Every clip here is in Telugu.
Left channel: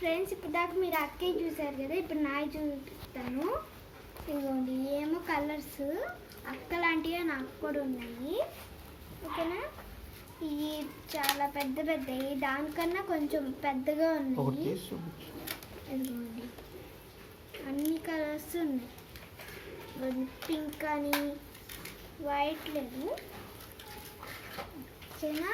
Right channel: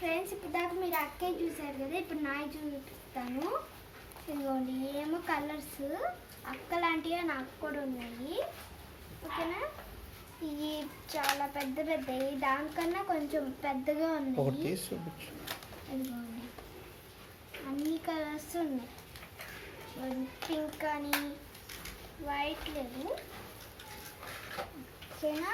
ఫ్రెండ్స్ ఇప్పుడు దాకా మీరు అక్కే చూసారు కదా, ఇప్పుడు నాయి చూపిస్తాను. ఇదిగోండి ఏమో కలర్స్ అక్క లాంటివి నాకు కూడా ఉన్నాయి. ఓకేనా, ఇవి చాలా పెద్ద పెద్దవి, దానికన్నా కొంచెం పెద్దగా ఉన్నాయి. ఇదిగోండి అన్ని కలర్స్ ఉన్నాయి. పింక్ కానీ వైట్ లేదు. ఓకేనా,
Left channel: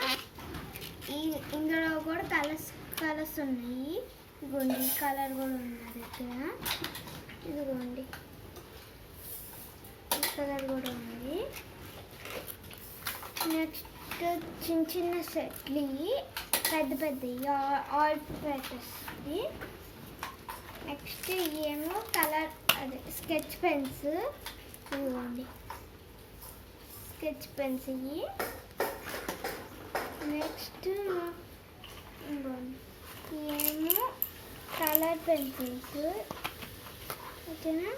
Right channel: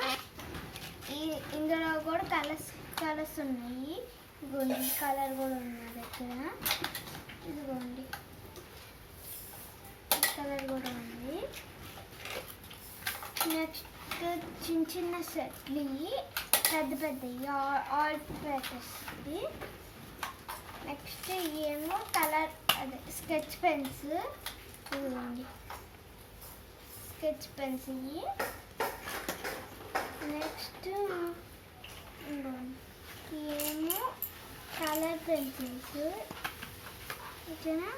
ఇందులో కూడా కలర్స్ ఉన్నాయి. ఇదిగోండి కలర్ కూడా ఉన్నది. ఓకేనా, ఇదిగోండి ఈ కలర్ కూడా ఉంది. నెక్స్ట్ చిన్న చిన్న సెట్లు, పెద్ద పెద్దవి ఆల్ పర్పస్ది. నెక్స్ట్ ఏమో కలర్ అదే స్కెచ్ పెన్స్. ఇదిగోండి స్కెచ్ పెన్స్ ఇవి. నెక్స్ట్ ఏమో కలర్ పెన్సిల్స్. ఓకేనా,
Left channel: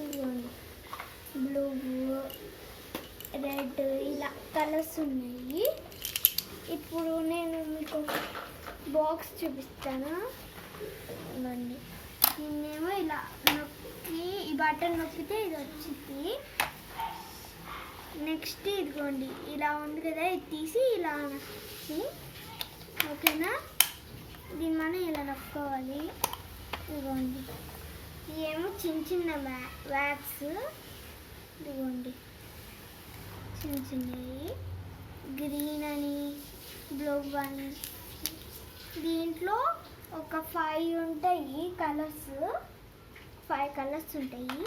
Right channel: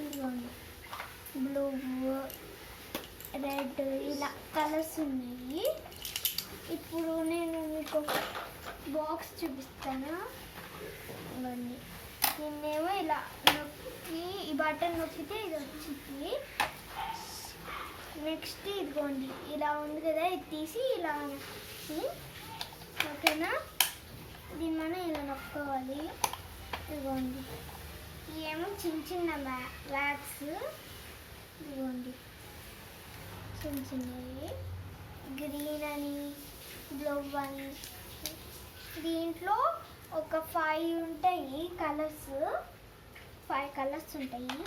ఇదిగోండి బ్లూ, రెడ్ ఇలా కలర్స్ ఉన్నాయి. ఇప్పుడు నేను మీకు బాక్స్ చూపిస్తాను. ఇవన్నీ నిన్నేమో ఇలా నొక్కి ఈ బటన్ నొక్కితే ఇది వచ్చింది. నెక్స్ట్ ఇదిగోండి ఇలా ఉంది కదా, ఇది తీసి ఇలా ఓకేనా, దీన్ని మనం ఇలా నొక్కోవాలి. ఇదిగోండి ఏమో చిన్న చిన్న వ్యాక్స్. ఇదిగోండి చిన్న చిన్నవి గ్రీన్ అని, బ్లూ అని. దీంట్లో ఒక 5 ఉంటాయి కలర్స్, 5 కలర్స్ ఉంటాయి.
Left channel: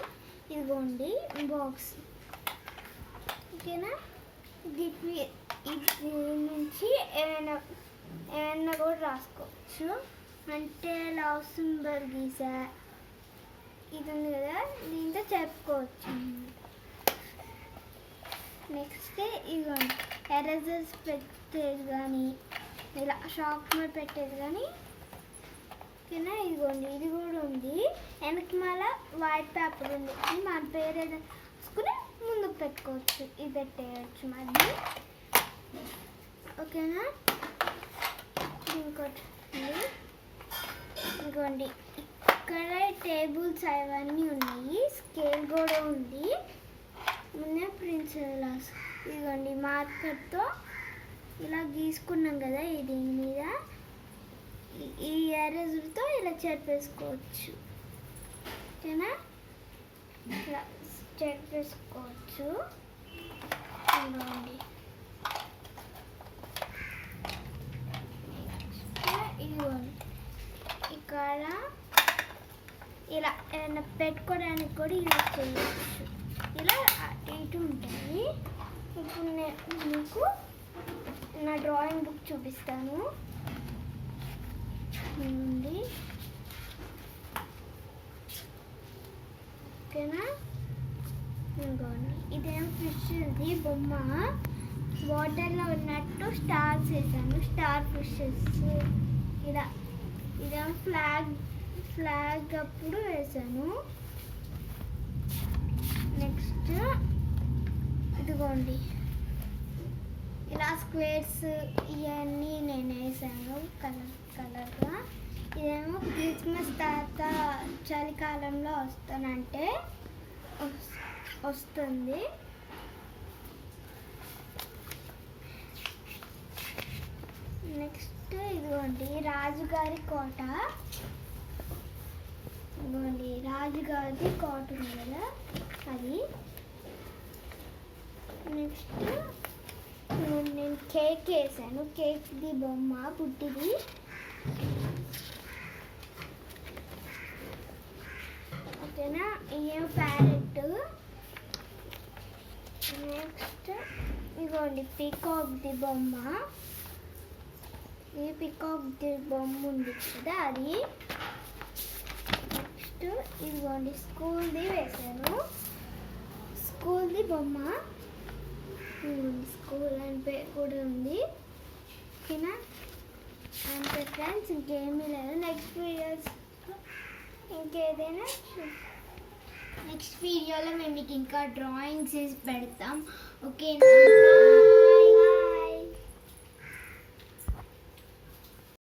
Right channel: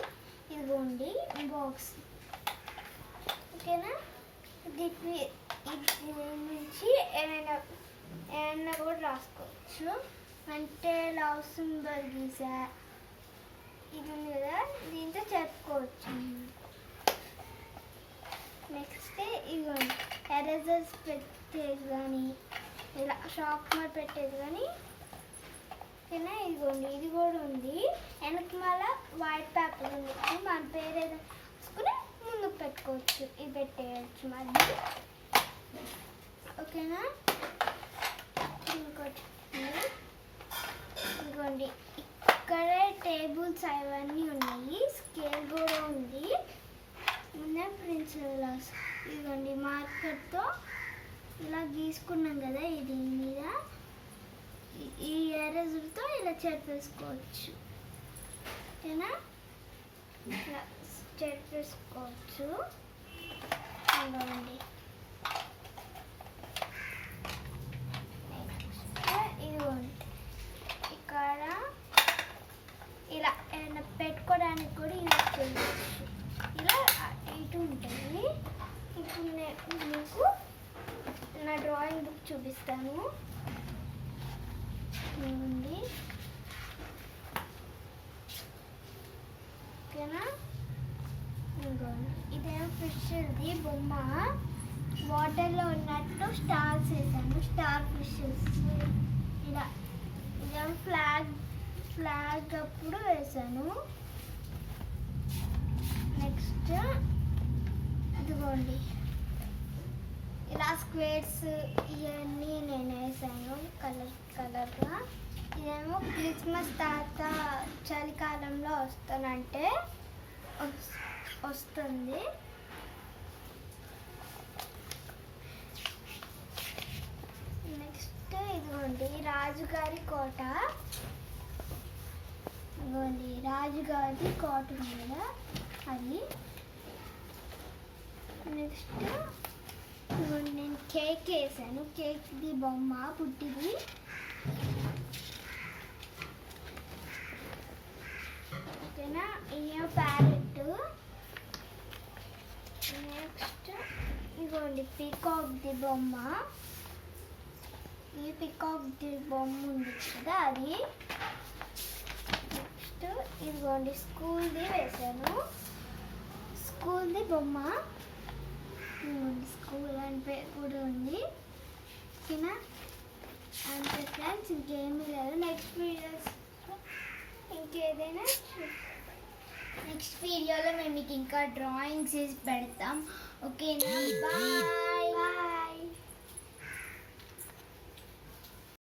ఇదిగోండి బాక్స్. ఓకేనా, ఇది నుంచి ఏమైనా కూడా రాసుకోవచ్చు. అంటే లవ్ సింబల్ గీసా ఇది ఉంది కదా, దీంతో చెప్పుకోవచ్చు. నెక్స్ట్ ఇదిగోండి ఎరేజర్స్ పెట్టేది కానీ, ఇలా షార్ప్నర్ పెట్టేది కానీ. ఓకేనా, ఇదిగోండి ఇది కూడా ఉంది. వెనక మళ్ళీ వైట్ పేపర్ ఉంది, మన పేరు ఏదో రాసుకుని ముందుకు పెట్టుకోవచ్చు, ఇది పెట్టేయచ్చు మళ్ళీ. ఓకేనా, ఇంకోటి ఇదిగోండి ఇక్కడ టేబుల్స్ అవన్నీ ఉన్నాయి. స్కేల్ కూడా ఉంది. ముందే ప్రిన్సిల్స్. ఇదిగోండి మార్కర్తో ఇలా గీసుకున్నాం కదా, ఇది మీద ఈ ఎరేజర్తో ఇలా చెరిపేసుకోవచ్చు. ఓకేనా, ఇలా చెరిపేసుకోవచ్చు. ఇదిగోండి ఇదిగోండి ఇక్కడ ఇలా ఏమైనా పెట్టుకోవడానికి కూడా యూజ్ చేయవచ్చు. ఇలా ఇటు ఉంటాయి. ఇప్పుడు నేను మీకు నా డ్రాయింగ్ బుక్ చూపిస్తాను. ఓకేనా, ఇంకోండి ఇదేమో ఫిష్ది బొమ్మ. వాటర్లో ఉన్నట్టు స్టార్స్ వేసాను, స్టార్ ఫిషెస్. ఇలా ఇదేమో ఫ్లాగ్ అప్పుడు వేసాను. నెక్స్ట్ ఇదిగోండి ఇలా స్క్వేర్స్ ఇవన్నీ నేను వేసాను కలర్గా. ఇదేమో క్రిస్మస్ తాత చలికాలంలో వస్తానంటే వస్తుంది. నెక్స్ట్ ఇదిగోండి రాజుగారి కోట. ఇదిగోండి రాజుగారి కోట ఉంది కదా, అది. నెక్స్ట్ నేను కేక్ వేసాను, కేక్ది బొమ్మ పుట్టిది. ఓకేనా, ఇదేమో ప్యారెట్. నెక్స్ట్ ఇదిగోండి పీకాక్ది బొమ్మ. ఈ పీకాక్ది బొమ్మ ఉంది కదా, అది. నెక్స్ట్ ఇదిగోండి స్కూల్ది వేసాను, స్కూల్ది బొమ్మ. స్కూల్ అని పేరు కూడా ఉంది. ఓకేనా, అంతే ఫ్రెండ్స్, ఇంకేమీ లేదు. నెక్స్ట్ వీడియోలో మేము మీకు ఇంకా డ్రాయింగ్స్ వేసి పెడతాం. ఓకేనా.